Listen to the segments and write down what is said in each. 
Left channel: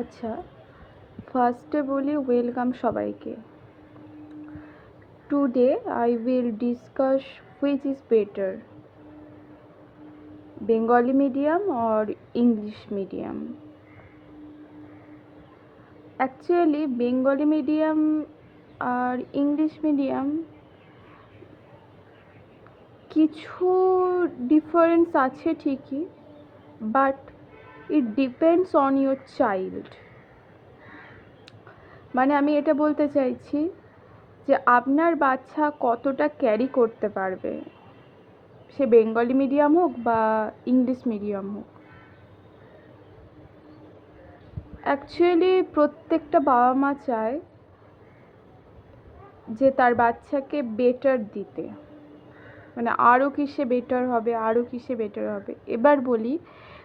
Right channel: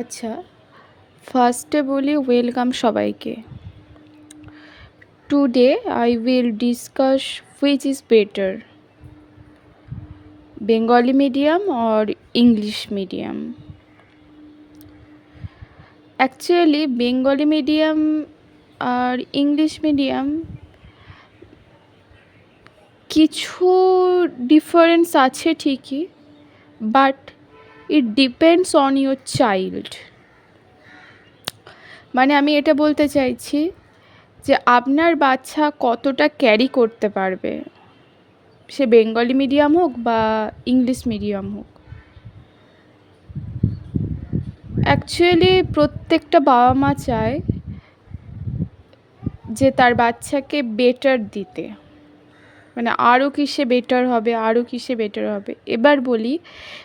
আচ্ছা, ফার্স্টে বলি ওয়েলকাম সবাইকে। Today I will discuss which is better, Bengali medium or English medium. Actually Bengali medium আর English medium কিছু ডিফারেন্স আছে ঠিকই, but it depends on your child. মানে আমি এটা বলতে চাইছি যে আপনার বাচ্চা কতটা ক্যারি করতে পারবে, সে বেঙ্গলি মিডিয়াম হোক বা ইংলিশ মিডিয়াম হোক। অ্যাকচুয়ালি প্রত্যেকটা বাবা মা চায় যে তার বাচ্চাকে বেটার দিতে, মানে আরও কিসে বেটার হবে, আরও কিসে বেটার হবে। এবার বলি,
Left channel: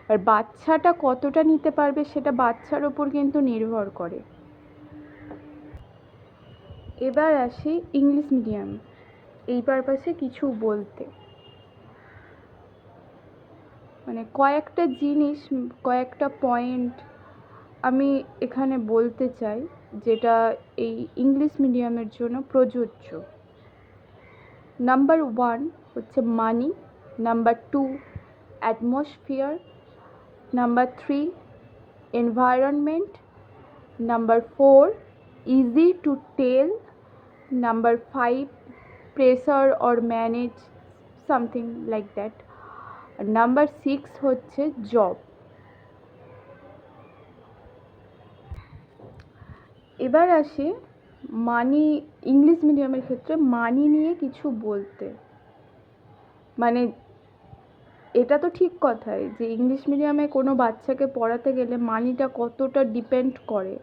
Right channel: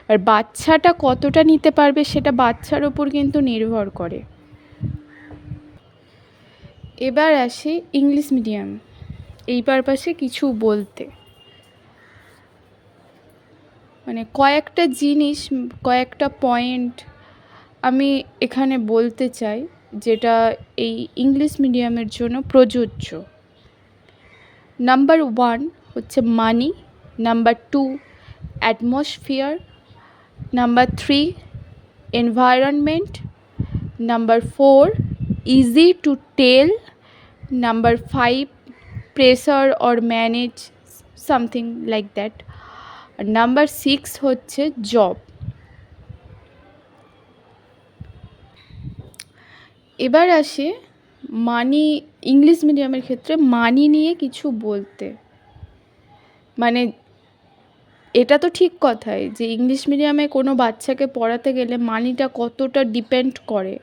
আর বাচ্চাটা কতটা নিতে পারবে সেটা বাচ্চার ওপর কিন্তু নির্ভর করে। এবার আসি ইংলিশ মিডিয়াম এই পারপাসে কিছু বলতে। মানে কয়েকটা জিনিস, কয়েকটা পয়েন্ট আমি এখানে বলতে চাই যেটা এই ইংলিশ মিডিয়ামের জন্য প্রযোজ্য। নাম্বার 1 হচ্ছে money, number 2 atmosphere, number 3 environment, number 4 easy to tell, number 5 pressure or manage, something like that. আর নাম্বার 6 হচ্ছে জব। এবার আসে মানি, ইংলিশ মিডিয়ামের ক্ষেত্রে মানি নিয়ে কিছু বলতে। মানে এটা তো ঠিক কথাই যে ইংলিশ মিডিয়ামে কোনো বাচ্চাকে পড়াতে গেলে মানিটা কতটা ডিপেন্ড করে।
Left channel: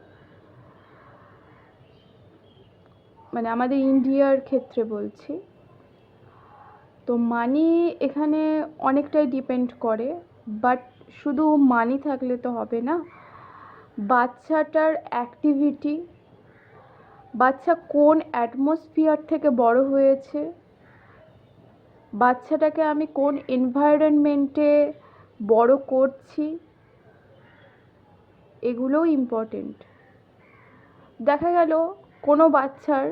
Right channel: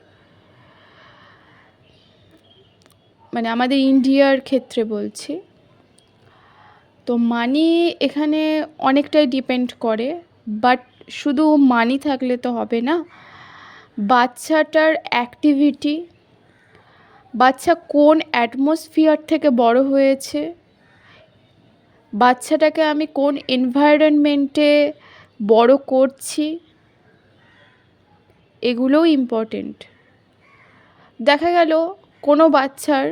মানে আমাদের ইন্ডিয়ার ক্ষেত্রে বলছি, তো মানি এখানে অনেকটাই ডিপেন্ড করে। বাট শুধু মানি থাকলে তো হবে না, বাচ্চাটার অ্যাক্টিভিটি, বাচ্চা কোন অ্যাটমসফিয়ার থেকে বড় হয়েছে, বাচ্চাটাকে আমি কোন এনভায়রনমেন্টে বড় করছি, এগুলোও ইম্পর্টেন্ট। দেখা গেল কোনো বাচ্চার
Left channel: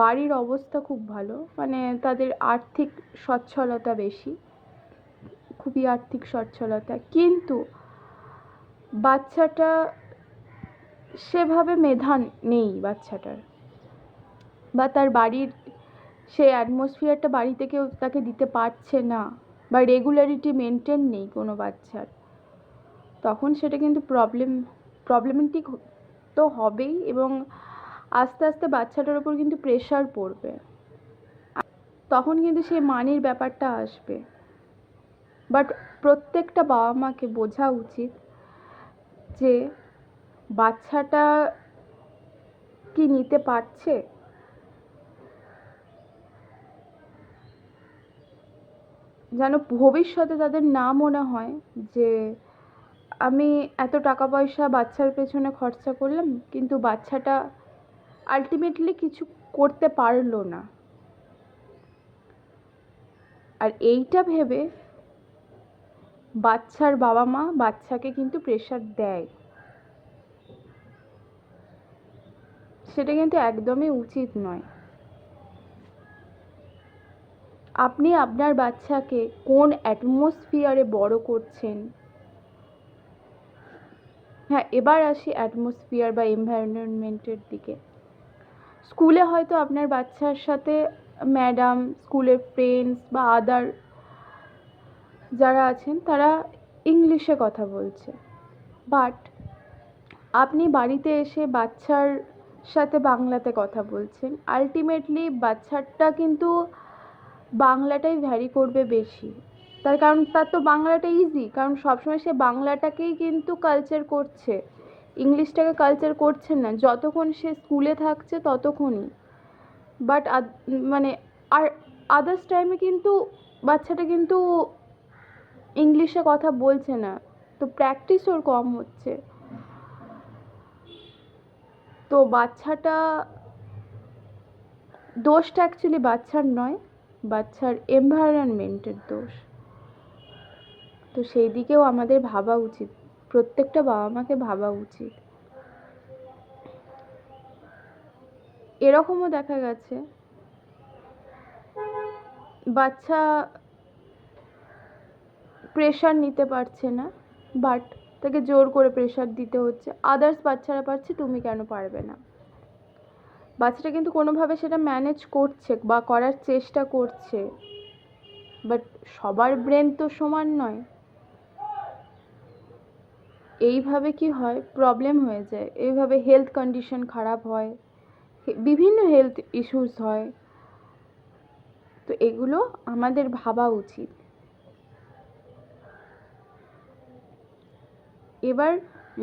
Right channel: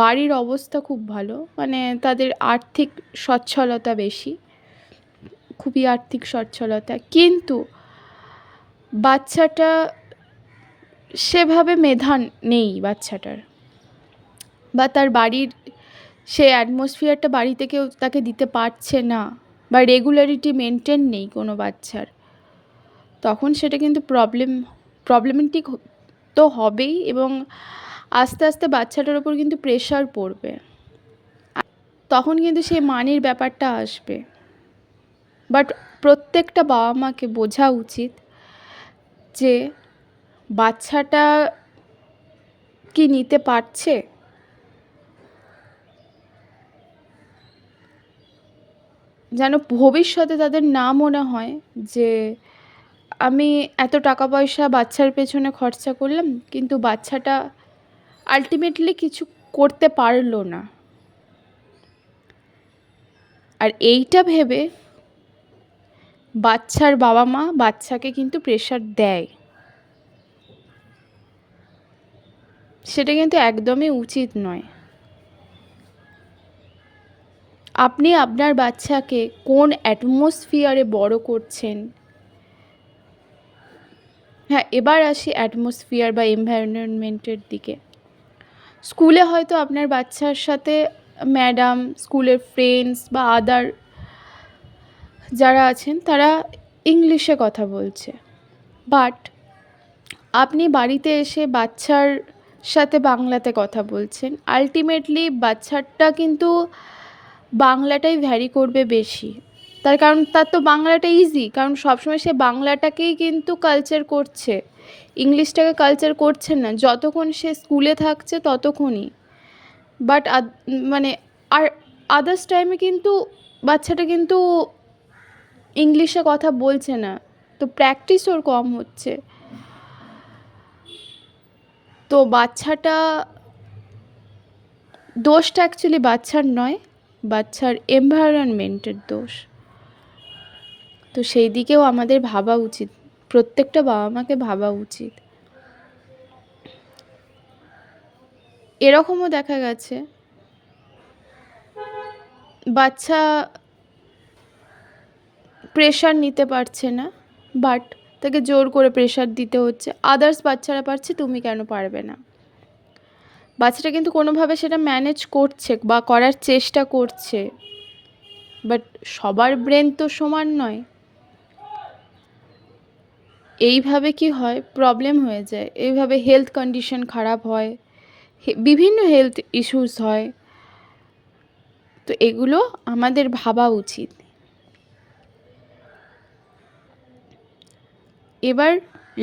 বাড়ির অবস্থা খুব ভালো, মানে তাদের আর্থিক সচ্ছলতা বেশি, খুবই আর্থিক সচ্ছলতা, কিন্তু বাচ্চাটা সেভাবে মেধা নেই বাচ্চাটার, বা তার বাড়ির সে অ্যাটমসফিয়ারটা বাড়িতে কেউ তাকে দিতে পারছে না, বা রেগুলারিটি মেনটেন নেই কোনো বাচ্চার, তখন সেটা কিন্তু প্রবলেমেটিক তো হবেই, এবং আস্তে আস্তে বাচ্চাটার ওপর কিন্তু প্রেশার পড়বে, তখন কিন্তু সেই মানির ব্যাপারটা আসবে। বাট প্রত্যেকটা বাবা মাকে বোঝা উচিত যে বাচ্চাটা কি নিতে পারছে, যেন ভবিষ্যতে তাদের না মনে হয় যে আমি এত টাকা পয়সা বাচ্চার পেছনে খরচা করলাম কিন্তু বাচ্চাটা আলটিমেটলি কিছু করতে পারলো না। আর এইটা ভেবে বাচ্চার বাবা মা বাচ্চাকে কিন্তু প্রেশার দেয়, সেটা কিন্তু একদমই উচিত নয়। আপনি আপনার বাচ্চাকে কোন অ্যাটমসফিয়ারে বড় করছেন। হ্যাঁ, এবার আসি অ্যাটমসফিয়ার বা এনভায়রনমেন্টের দিকে। স্কুলে হয়তো আপনার বাচ্চার সাথে ম্যাডাম, স্কুলের ফ্রেন্ডস বা আদার যারা আছেন তারা ইংলিশে কথা বলছে, বাট আপনি বাড়িতে এসে বাচ্চার সাথে বাংলাতে কথা বলছেন। আলটিমেটলি বাচ্চাটা কিন্তু বাংলাটাই ভ্যারি করবে বেশি, তার কারণ তার তো বাংলাটা ইজি, কারণ সবসময় সে বাংলাটাকেই কিন্তু কালচার করছে, ইংলিশটাকে কালচার করছে না যতক্ষণ সে স্কুলে থাকছে ততক্ষণই। বাট মানে আর আদার্স টাইমে কিন্তু বাচ্চাটা কিন্তু ইংলিশে কথা বলছে না, তো প্র্যাকটিস ওর কম হচ্ছে। তো বাচ্চাটা, দোষটা অ্যাকচুয়ালি বাচ্চার নয়, বাচ্চার এনভায়রনমেন্টের দোষ। তো সেই দিকেও আমাদের ভাবা উচিত, প্রত্যেকটা বাবা মাকে ভাবা উচিত। এরকমও দেখা গেছে বাচ্চা প্রেশার নিতে পারছে না, বাট তাকে জোর করে প্রেশার দিতে হচ্ছে। আদার্স বাচ্চারা পারছে, তুমি কেন পারবে না? বাচ্চাটা কিন্তু কোনোভাবে সেটা ম্যানেজ করছে বা করার চেষ্টা করছে, বাট সবার ব্রেন তো সমান নয়। এইভাবে কি হয়, প্রবলেম হয়ে যায়, এইভাবে হেলথ কন্ডিশন খারাপ হয়, বিভিন্ন হেলথ ইস্যুস হয়। তো এগুলো আমাদের ভাবা উচিত। এবার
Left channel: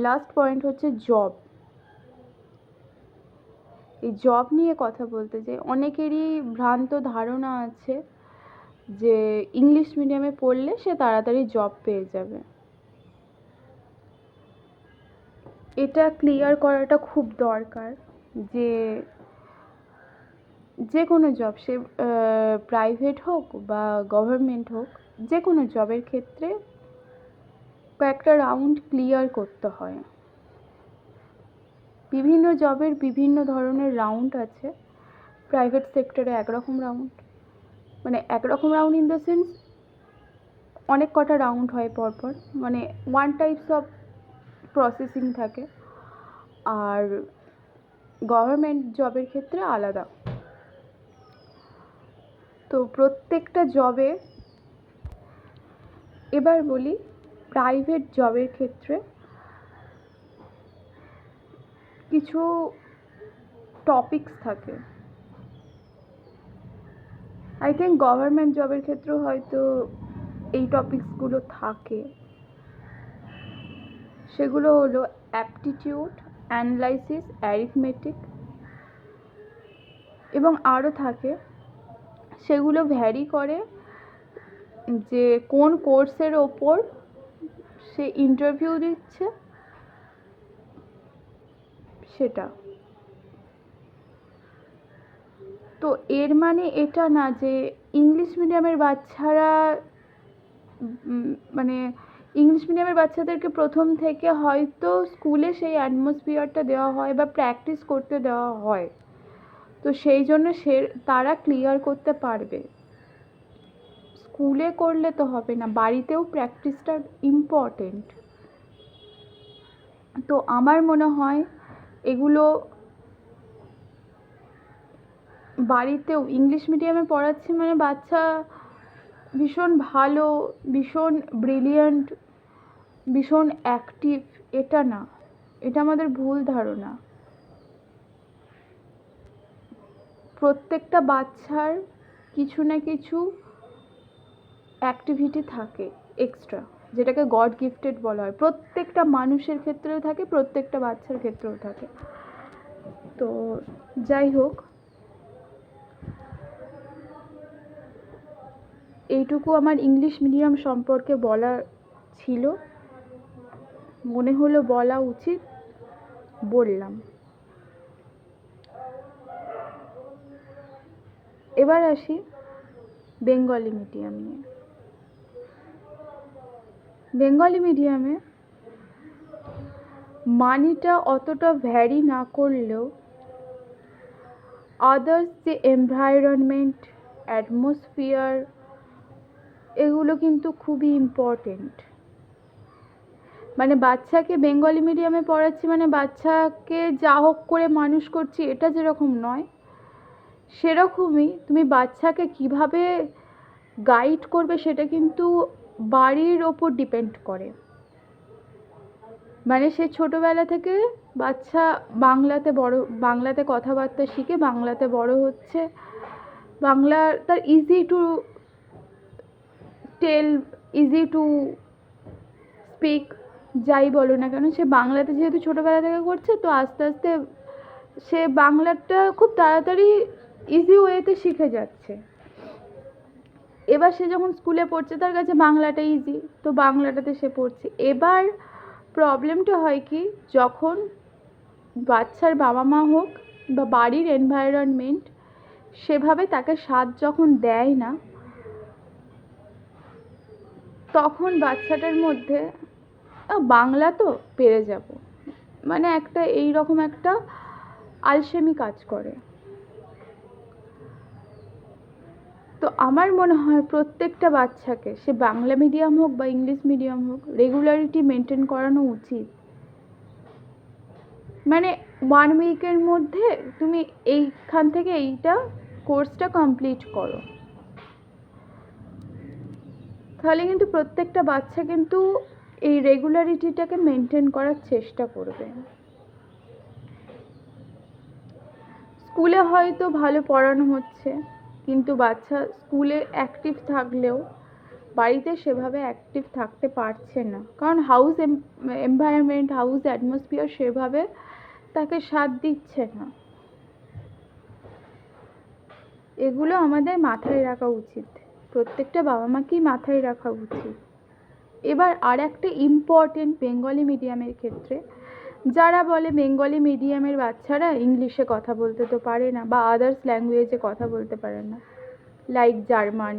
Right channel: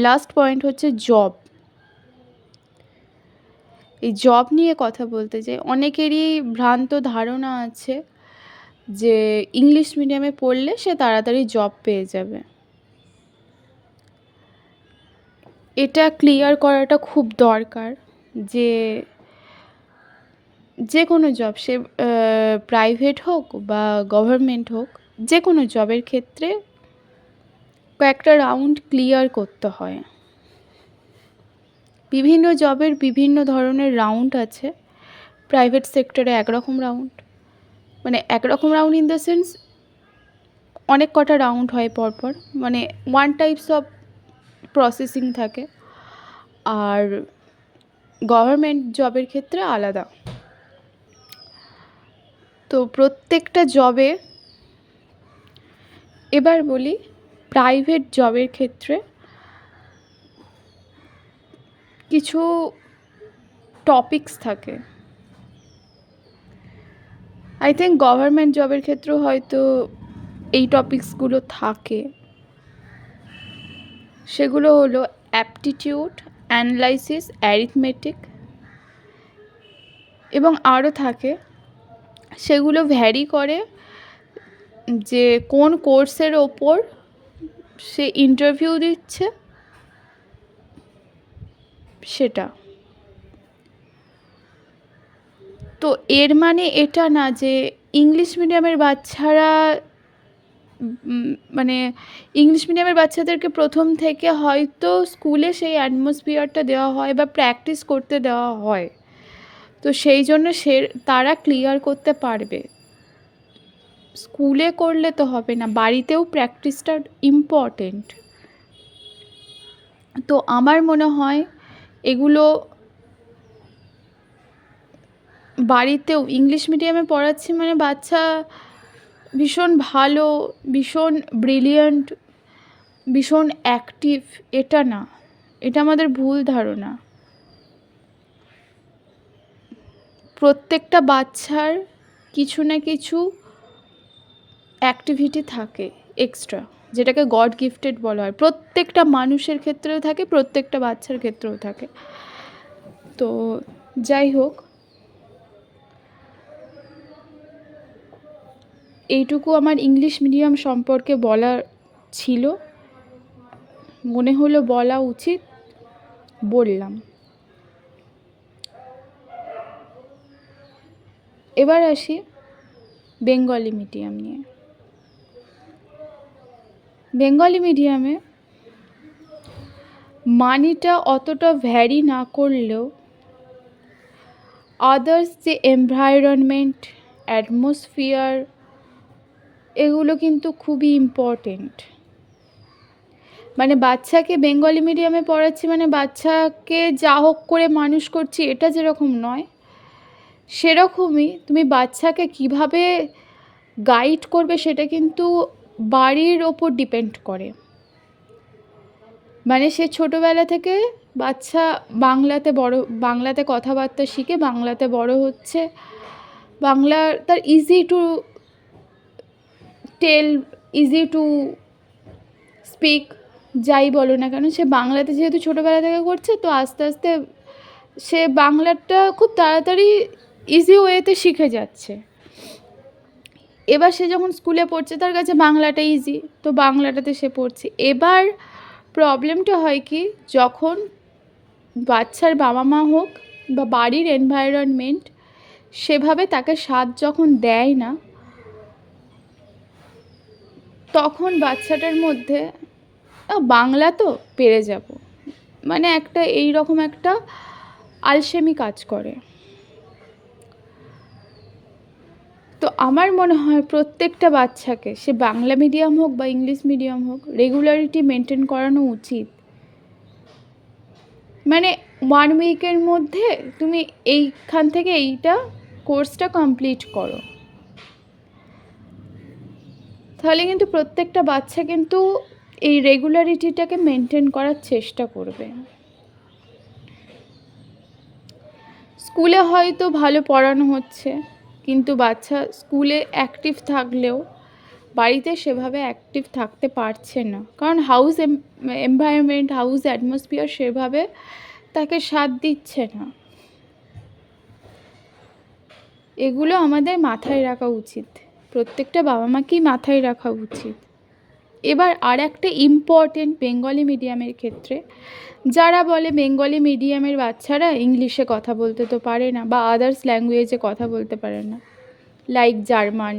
লাস্ট পয়েন্ট হচ্ছে জব। এই জব নিয়ে কথা বলতে চাই। অনেকেরই ভ্রান্ত ধারণা আছে যে ইংলিশ মিডিয়ামে পড়লে সে তাড়াতাড়ি জব পেয়ে যাবে। এটা ক্লিয়ার করাটা খুব দরকার যে যে কোনো জব, সে প্রাইভেট হোক বা গভর্নমেন্ট হোক, যে কোনো জবের ক্ষেত্রে কয়েকটা রাউন্ড ক্লিয়ার করতে হয়। বিভিন্ন জবের বিভিন্ন ধরনের রাউন্ড আছে। প্রাইভেট সেক্টরে একরকম রাউন্ড, মানে একরকম রাউন্ড ইন দ্য সেন্স অনেক কটা রাউন্ড হয় পরপর, মানে ওয়ান টাইপস অফ প্রসেসিং থাকে। আর গভর্নমেন্ট জবের ক্ষেত্রে আলাদা। তো প্রত্যেকটা জবে, এবার বলি প্রাইভেট জবের ক্ষেত্রে কিছু টপিকস থাকে। আই থিঙ্ক গভর্নমেন্ট জবের ক্ষেত্রেও হয়তো এই টপিকসগুলো থাকে। সেগুলো হলো অ্যাপটিটিউড, অ্যানালাইসিস, অ্যারিথমেটিক এবং আরও থাকে। সেগুলো ভ্যারি করে যে কোন কোর্সের ওপর সে ইন্টারভিউ দিচ্ছে সেটা। তো এর মানে এটা না যে ইংলিশ মিডিয়ামের বাচ্চারা মানে ইংলিশ মিডিয়ামের বাচ্চাদেরকে প্রথম থেকে হয়তো স্কুলে সেই অ্যাটমসফিয়ারটা দেওয়া হয় বা প্র্যাকটিস করতে দেওয়া হয়, তো সেই জন্য তারা ক্লিয়ার করতে পারবে। স্কুলে করলে তো হবে না, বাড়িতেও প্র্যাকটিসটা ইম্পর্টেন্ট। তো আমার মনে হয় এগুলো বাড়িতেও, ইংলিশ মিডিয়ামে পড়াচ্ছি মানে বাচ্চা ভীষণ ভালো, ভীষণ ব্রিলিয়ান্ট, ভীষণ অ্যাক্টিভ, এটা না। এটা আমাদের ভুল ধারণা। প্রত্যেকটা বাচ্চার কিছু না কিছু অ্যাক্টিভিটি থাকে এক্সট্রা, যেটাকে গড গিফটেড বলা হয়। প্রত্যেকটা মানুষের ক্ষেত্রেও থাকে, প্রত্যেকটা বাচ্চার ক্ষেত্রেও থাকে। তো যাই হোক, এইটুকু আমার ইংলিশ মিডিয়াম সম্পর্কে বলার ছিল, মনে হলো বলা উচিত, বললাম। এবার আসি বেঙ্গলি মিডিয়াম নিয়ে। বেঙ্গলি মিডিয়ামে মানিটা অতটা ভ্যারি না করলেও আদার্স যে এনভায়রনমেন্ট, অ্যাটমসফিয়ার, এগুলো কিন্তু খুবই ইম্পর্টেন্ট। মানে বাচ্চাকে বেঙ্গলি মিডিয়ামে পড়াচ্ছি মানে বাচ্চাকে যা হোক করে মানুষ করছি, এটা যেরকম নয়, সেরকমই তুমি বাচ্চাকে কিভাবে গাইড করবে সেটা কিন্তু বাড়ির ওপর ডিপেন্ড করে। মানে সে ছোটোবেলা থেকে বাচ্চা বাংলাতে কথাবার্তা শিখে, বাংলাতে বড় হচ্ছে, বাংলা তার easy to tell, easy to speak, যাই বলো না কেন, সে বাংলাতে যেহেতু ছোটোবেলা থেকে করছে, তো আস্তে আস্তে সে বাংলাটা খুব তাড়াতাড়ি ইজি ওয়েতে শিখে যাচ্ছে। এবার সে যখন স্কুলে পড়ছে, তার কাছে বাংলাটা ইজি, তো বাংলাটাতে সে পড়ছে। এবার প্রবলেমটা হয় কি, যখন বাচ্চার বাবা মা হোক বা বাড়ির এনভায়রনমেন্ট সেভাবে তাকে সাথ যখন দেয় না, তখন বাচ্চাটার মধ্যে বাংলা তো পেরে যাব, মানে একটা এই রকম একটা আলসেমি কাজ করে। তো আমার মনে হয় প্রত্যেকটা বাচ্চাকে, সে বাংলা মিডিয়াম হোক বা ইংলিশ মিডিয়াম হোক, রেগুলারিটি মেনটেন করানো উচিত। মানে 1 উইকের মধ্যে তুমি এইখান থেকে এইটা কোর্সটা কমপ্লিট করো, তাহলে কিন্তু প্রত্যেকটা বাচ্চা কিন্তু এই রেগুলারিটিটাকে মেনটেন করার চেষ্টা করবে। স্কুলে হয়তো ভালো পড়ানো হচ্ছে, কিন্তু বাচ্চা স্কুলে অ্যাক্টিভ থাকলেও বাড়িতে সেভাবে অ্যাক্টিভ থাকতে পারছে না, কারণ হাউস এনভায়রনমেন্ট, হাউস অ্যাটমসফিয়ার সেভাবে তাকে সাথ দিচ্ছে না। এগুলো আমাদের মাথায় রাখা উচিত, প্রত্যেকটা বাবা মাকেই মাথায় রাখা উচিত। এবার আর একটা ইম্পর্টেন্ট বেঙ্গলি মিডিয়ামের ক্ষেত্রে, যারা বলে বেঙ্গলি মিডিয়ামের বাচ্চারা ইংলিশে কথা বলতে তো পারে না বা আদার্স ল্যাঙ্গুয়েজে কথা বলতে পারে না, লাইক জার্মান,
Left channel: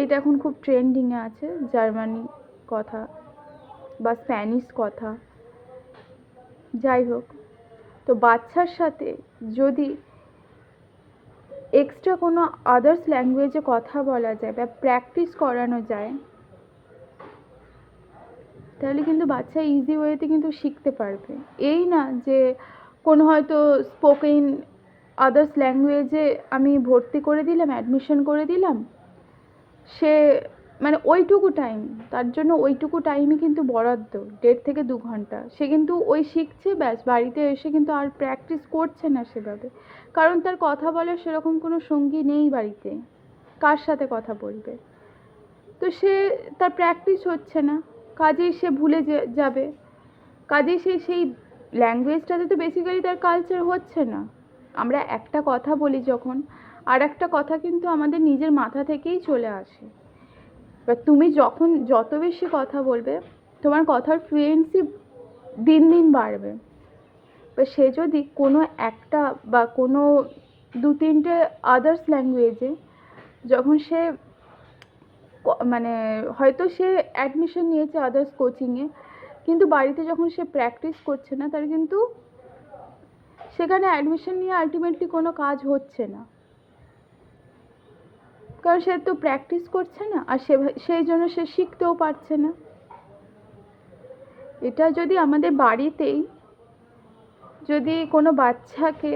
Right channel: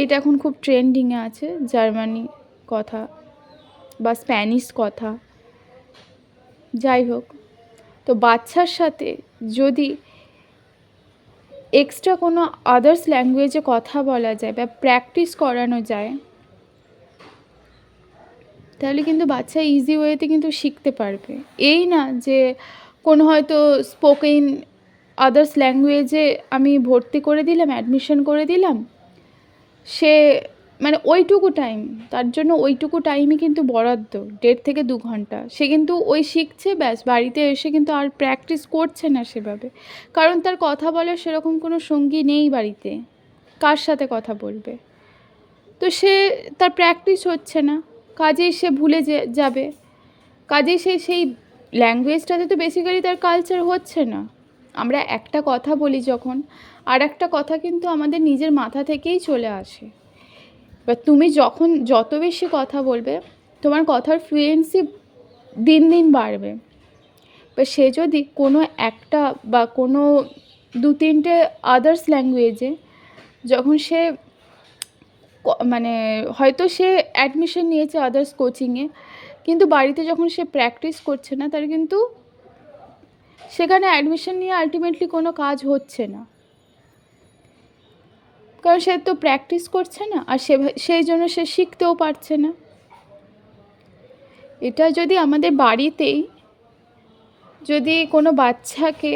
এটা এখন খুব ট্রেন্ডিংয়ে আছে, জার্মানি কথা বা স্প্যানিশ কথা, যাই হোক। তো বাচ্চার সাথে যদি এক্সট্রা কোনো আদার্স ল্যাঙ্গুয়েজে কথা বলা যায় বা প্র্যাকটিস করানো যায়, তাহলে কিন্তু বাচ্চা ইজি ওয়েতে কিন্তু শিখতে পারবে। এই না যে কোনো হয়তো স্পোকেন আদার্স ল্যাঙ্গুয়েজে আমি ভর্তি করে দিলাম, অ্যাডমিশন করে দিলাম, সে মানে ওইটুকু টাইম, তার জন্য ওইটুকু টাইমই কিন্তু বরাদ্দ, 1.5 থেকে 2 ঘন্টা, সে কিন্তু ওই শিখছে, ব্যাস বাড়িতে এসে কিন্তু আর প্র্যাকটিস করছে না সেভাবে, কারণ তার কথা বলার সেরকম কোনো সঙ্গী নেই বাড়িতে, কার সাথে কথা বলবে। তো সে তার প্র্যাকটিস হচ্ছে না, কাজেই সে ভুলে যাবে, কাজেই সেই ল্যাঙ্গুয়েজটাতে তো বেসিক্যালি তার কালচার হচ্ছে না। আমরা একটা কথা বলি যখন, আর একটা কথা কিন্তু আমাদের নিজের মাথা থেকেই চলে আসে। এবার তুমি যখন যত বেশি কথা বলবে, তোমার কথার ফ্লুয়েন্সি দিন দিন বাড়বে। এবার সে যদি কোনো একটা বা কোনো 2-3টে আদার্স ল্যাঙ্গুয়েজে যখন সে মানে হয়তো সে অ্যাডমিশন নিয়েছে আদার্স কোচিংয়ে, কিন্তু বাড়িতে যখন সে প্র্যাকটিস করছে না, তার কিন্তু সেখানে অ্যাডমিশন নিয়ে আলটিমেটলি কোনো কাজ হচ্ছে না, কারণ সে তো প্র্যাকটিস করছে না, আর সেই জন্য সে শিখতেও পারছে না। এটা যদি আমাদের বাড়িতেই যদি কোনো বাচ্চাকে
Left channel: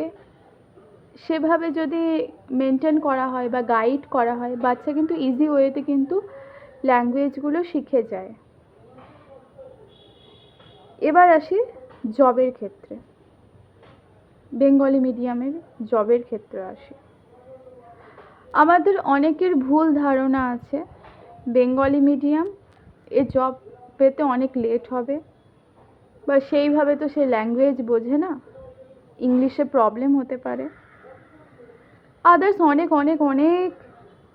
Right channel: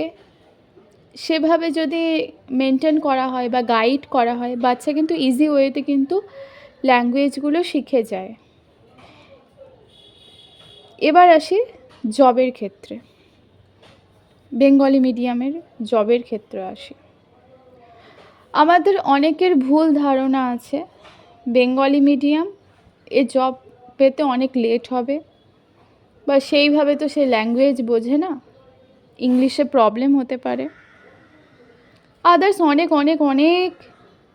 সেভাবে যদি মেনটেন করা হয় বা গাইড করা হয়, বাচ্চা কিন্তু ইজি ওয়েতে কিন্তু ল্যাঙ্গুয়েজগুলো শিখে যায়। এবার আসি জবের ক্ষেত্রে, বেঙ্গলি মিডিয়ামের জবের ক্ষেত্রে আসি। আমাদের অনেকের ভুল ধারণা আছে বেঙ্গলি মিডিয়াম এ জব পেতে অনেক লেট হবে, বা সেইভাবে তো সে ল্যাঙ্গুয়েজ বোঝে না, ইংলিশে প্রবলেম হতে পারে, আদার্স অনেক অনেক অনেক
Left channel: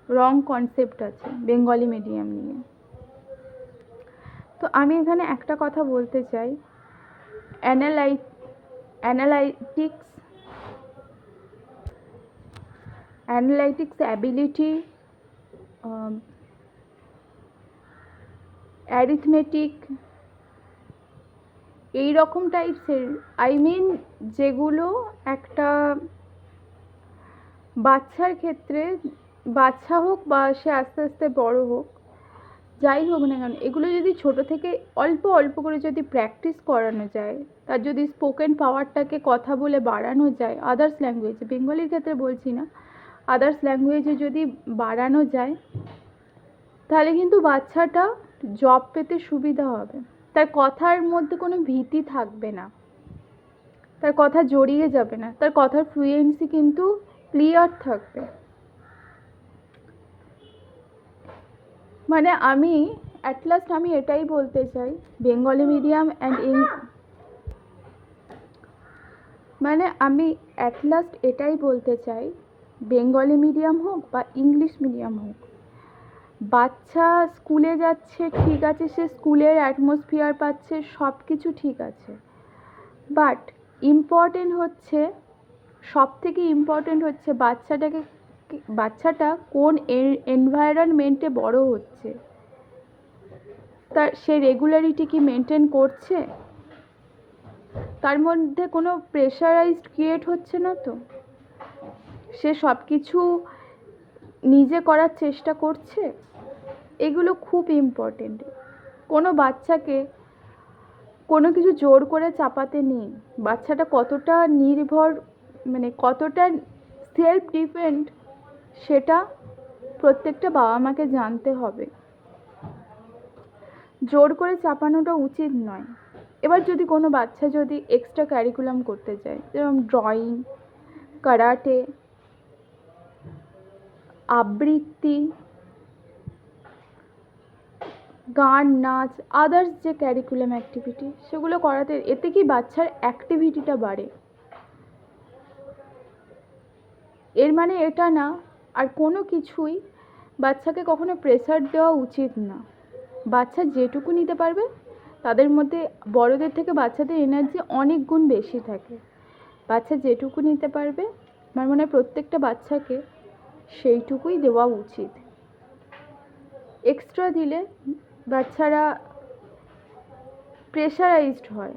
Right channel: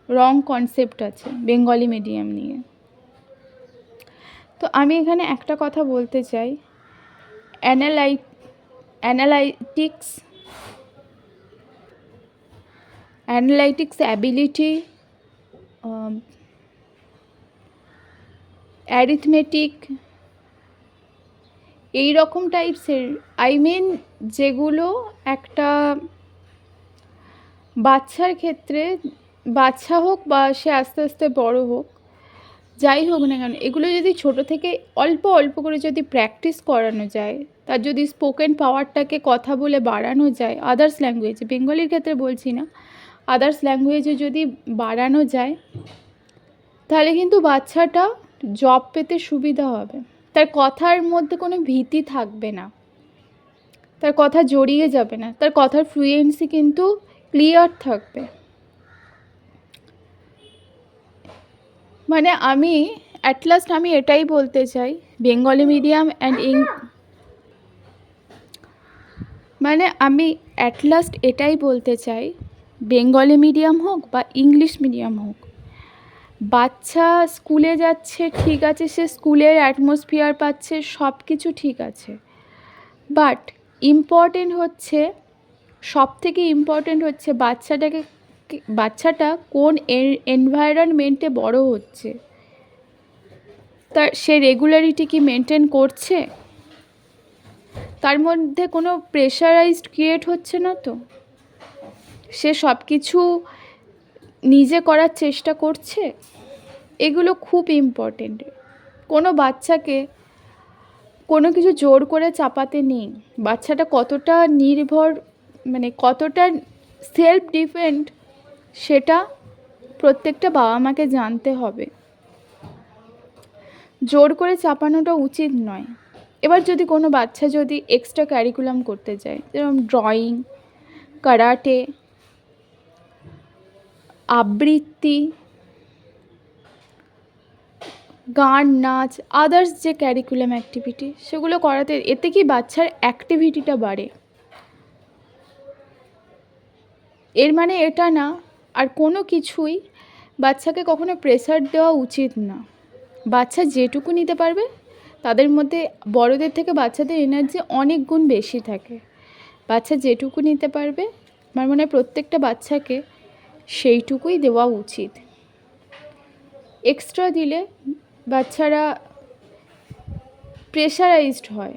রং কনসেপ্ট আছে বেঙ্গলি মিডিয়াম নিয়ে। তো আমি এখানে একটা কথা বলতে চাই, অ্যানালাইটিক্স অ্যাবিলিটি, অ্যারিথমেটিক, এই রকম টাইপসের, যেগুলো একটা বাচ্চার ক্ষেত্রে, বাচ্চা হোক বা সে আস্তে আস্তে বড় হোক, যাই হোক না কেন, এগুলো যদি ছোট থেকে অল্প অল্প করে যদি প্র্যাকটিস করানো যায়, তার যদি স্পোকেন পাওয়ারটাকে কথা বলে বাড়ানো যায়, আদার্স ল্যাঙ্গুয়েজে, বেঙ্গলির ক্ষেত্রে বলছি না, আদার্স ল্যাঙ্গুয়েজে যদি বাড়ানো যায়, তাহলে কিন্তু বাচ্চাটা জব পেতে সুবিধা হবে। তার কথার মধ্যে কোনো ভীতি থাকবে না, তার কথা জড়িয়ে যাবে না, তার কথার ফ্লুয়েন্সি কিন্তু ক্লিয়ার থাকবে। মানে আমি অ্যাট লাস্ট আমি এটাই বলতে চাই, বেঙ্গলি মিডিয়াম অ্যান্ড এটাই বলতে চাই, বেঙ্গলি মিডিয়াম হোক বা ইংলিশ মিডিয়াম হোক, বাচ্চা স্কুলে যাচ্ছে ঠিক আছে, সে স্কুলের অ্যাটমসফিয়ার পাচ্ছে, সব কিছু ঠিক আছে, বাট সবথেকে ইম্পর্টেন্ট হচ্ছে বাচ্চাটা কোন এনভায়রনমেন্টে বড় হচ্ছে, তার সে রেগুলারিটি কি মেনটেন করছে, তার মধ্যে কোনো প্রেশারাইজড ক্রিয়েট হচ্ছে না তো, সে সব কিছু নিজে করার চেষ্টা করছে, এগুলো খুব ইম্পর্টেন্ট। কোনো বাচ্চাকে কোনো কিছু জোর করে চাপাতে নেই। বাচ্চাটা কতটা নির্ভর, মানে কতটা সেলফ ডিপেন্ড, সেটা প্রত্যেকটা বাবা মাকে জানতে হবে। জোর করে চাপানোটা উচিত নয়। এবার যদি কোনো বাচ্চা যদি এক্সট্রা কারিকুলাম করতে চায়, যেরকম ড্রয়িং, কারাটে, আবৃত্তি, গান, নাচ, আদার্স যে ক্যারিকুলাম অ্যাক্টিভিটি, সেগুলো করাতে, এতে কি বাচ্চার অ্যাক্টিভিটিটা বাড়ে। এর মানে এটা না আর কোনো কিছুই বাচ্চাকে কখনো প্রেসার দেওয়া উচিত না। বাচ্চা যেটুকু নিতে পারবে, তাদের মধ্যে বড়দের থেকে বাচ্চাদের এনার্জি অনেক গুণ বেশি থাকে। বাচ্চা যেটুকু নিতে পারবে, আমার মনে হয় প্রত্যেকটা বাচ্চাকে সেইটুকুই দেওয়া উচিত। এক্সট্রা দিলে বাচ্চারা প্রেশারাইজড হয়,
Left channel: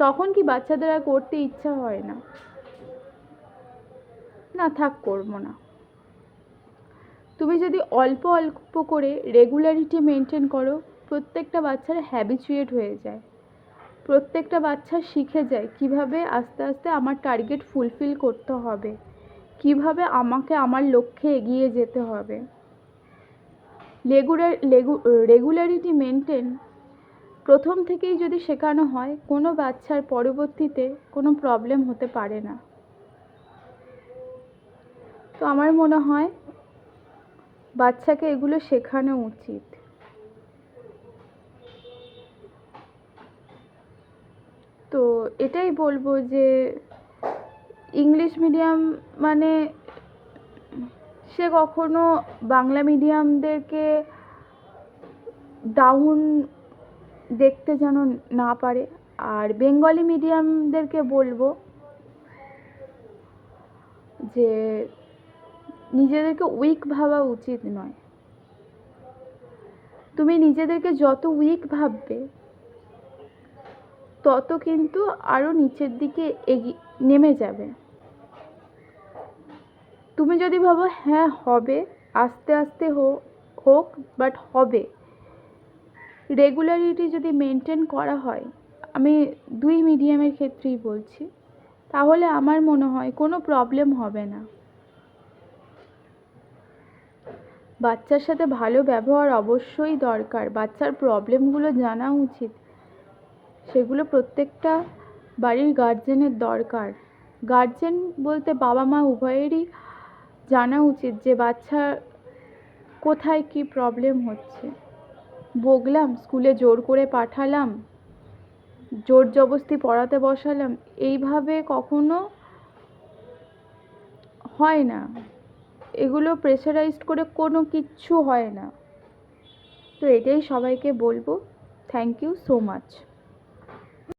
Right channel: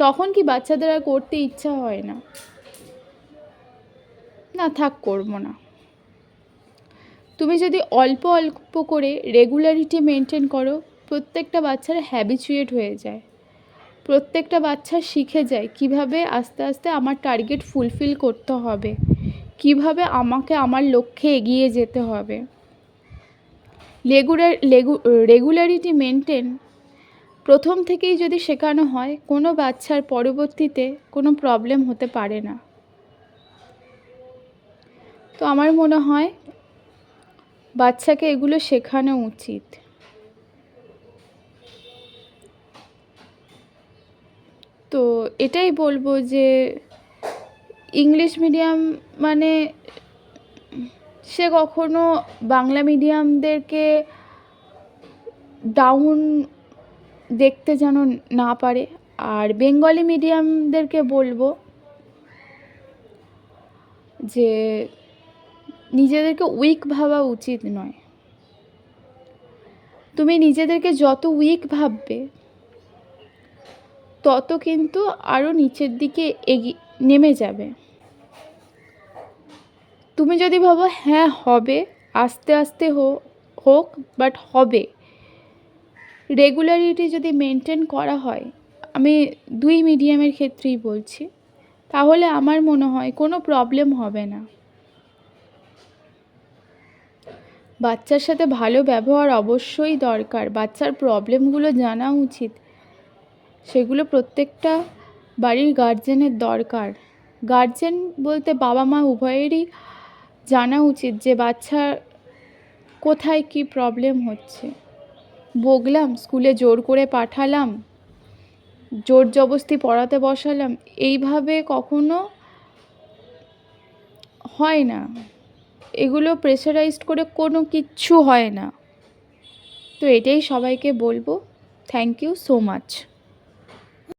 তখন কি বাচ্চাদের আর করতে ইচ্ছা হয় না, না থাক করবো না। তুমি যদি অল্প অল্প করে রেগুলারিটি মেনটেন করো, প্রত্যেকটা বাচ্চারা হ্যাবিচুয়েট হয়ে যায়। প্রত্যেকটা বাচ্চা শিখে যায় কিভাবে আস্তে আস্তে আমার টার্গেট ফুলফিল করতে হবে, কিভাবে আমাকে আমার লক্ষ্যে এগিয়ে যেতে হবে। রেগুলারিটি মেনটেন প্রথম থেকেই যদি শেখানো হয়, কোনো বাচ্চার পরবর্তীতে কোনো প্রবলেম হতে পারে না। তো আমার মনে হয় বাচ্চাকে এগুলো শেখানো উচিত। তো এটাই বলবো যে ইংলিশ মিডিয়াম মানে সে কখনো বাংলা মিডিয়ামদেরকে ডাউন দেখতে যেন না পারে। আর বেঙ্গলি মিডিয়ামদেরকে বলবো যে নিজেদেরকে উইক ভাবা উচিত নয়। তুমি নিজেদেরকে যত উইক ভাববে, তত কিন্তু আরও নিচের দিকে নেমে যাবে। তুমি যদি ভাবো হ্যাঁ হবে, আস্তে আস্তে হোক, বাট হবে, রেগুলারিটি যদি মেনটেন করা হয়, আমি দুই মিডিয়ামের ক্ষেত্রেই বলছি, তাহলে আমার মনে হয় কোনো প্রবলেম হবে না। বাচ্চার সাথে ভালো ব্যবহার অবশ্যই দরকার, বাচ্চার প্রবলেমগুলো জানা উচিত, সেগুলো প্রত্যেকটা বাড়ির গার্জেনের দরকার। গার্জেন বলতে বাবা মা উভয়েরই জানা উচিত যে বাচ্চার কোথায় কি প্রবলেম হচ্ছে। বকলাম, স্কুলে জোর করে পাঠালাম, জোর জবস্তি পড়াতে বসালাম, এইভাবে কখনো হয় না। এগুলো প্রেশারাইজড করে কোনো কিচ্ছু হয় না। তো এটাই সবাইকে বলবো। Thank you so much.